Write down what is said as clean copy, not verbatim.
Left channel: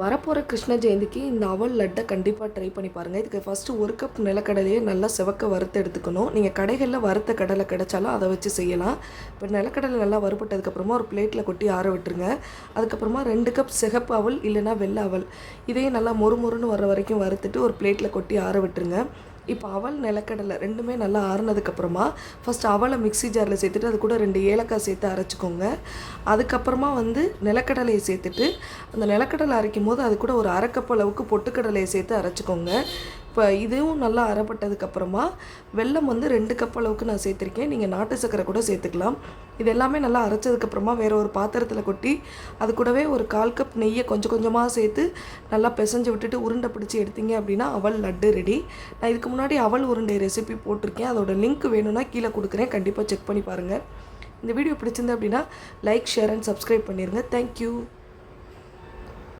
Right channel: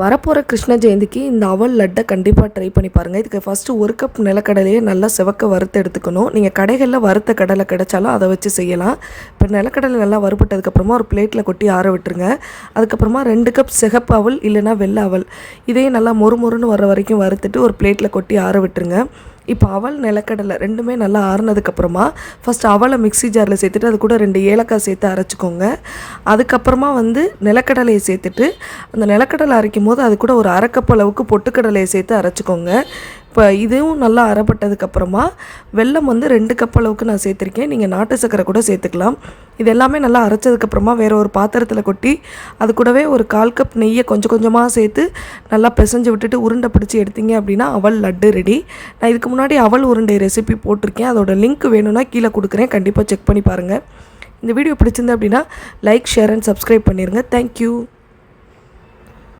வரப்போகிற கிருஷ்ண ஜெயந்திக்கு இந்த அவல் லட்டை கண்டிப்பாக ட்ரை பண்ணி பாருங்கள். இதுக்கு ஃபஸ்ட்டு 1 கப் நிலக்கடலையே நல்லா செவக்க வறுத்து எடுத்துக்கணும். நீங்கள் கடைகளில் வறுத்த கடலை கிடைச்சாலும் அதை வச்சு செய்யலாம். இப்போ நிலக்கடலை நல்லா வறுபட்டதுக்கப்புறமா ஒரு பிளேட்டில் கொட்டி ஆற விட்டுருங்க. அதுக்கப்புறமா 2 கப் சிகப்பு அவல் இல்லைன்னா வெள்ளை அவல் இதையும் நல்லா மொறுமொறுன்னு வர வரைக்கும் வறுத்துட்டு ஒரு பிளேட்டில் கொட்டி ஆற விட்டுருங்க. இப்போ அவல் நிலக்கடலை ரெண்டுமே நல்லா ஆறுனதுக்கப்புறமா ஃபஸ்ட்டு அவலை மிக்ஸி ஜாரில் சேர்த்துட்டு அது கூட 2 ஏலக்காய் சேர்த்து அரைச்சிக்கோங்க. அதுக்கப்புறமா நிலக்கடலையை சேர்த்துட்டு அந்த நிலக்கடலை அரைக்கும் போது அது கூட ஒரு 1/2 கப் அளவுக்கு பொட்டுக்கடலையை சேர்த்து அரைச்சிக்கோங்க. இப்போ இதுவும் நல்லா அரைப்பட்டதுக்கப்புறமா வெல்லம் 2 கப் அளவுக்கு நான் சேர்த்துருக்கேன். நீங்கள் நாட்டு சர்க்கரை கூட சேர்த்துக்கலாம். இது எல்லாமே நல்லா அரைச்சதுக்கப்புறமா வேறு ஒரு பாத்திரத்தில் கொட்டி அது கூடவே ஒரு 1/4 கப் நெய்யை கொஞ்சம் கொஞ்சமாக சேர்த்து நல்லா பிசைஞ்சு விட்டுட்டு உருண்டை பிடிச்சி எடுத்தீங்க அப்படின்னா அவல் லட்டு ரெடி. நான் இதுக்கு முன்னாடி அவல் உருண்டை ரெசிபி போட்டிருக்கேன். அதோட லிங்க் வேணும்னா கீழே கொடுக்குறேன், கண்டிப்பாக செக் பண்ணி பாருங்கள். இந்த வீடியோ பிடிச்சிருந்து அப்படின்னா லைக், ஷேர் அண்ட் சப்ஸ்கிரைப் பண்ணிடுங்க. தேங்க்யூ.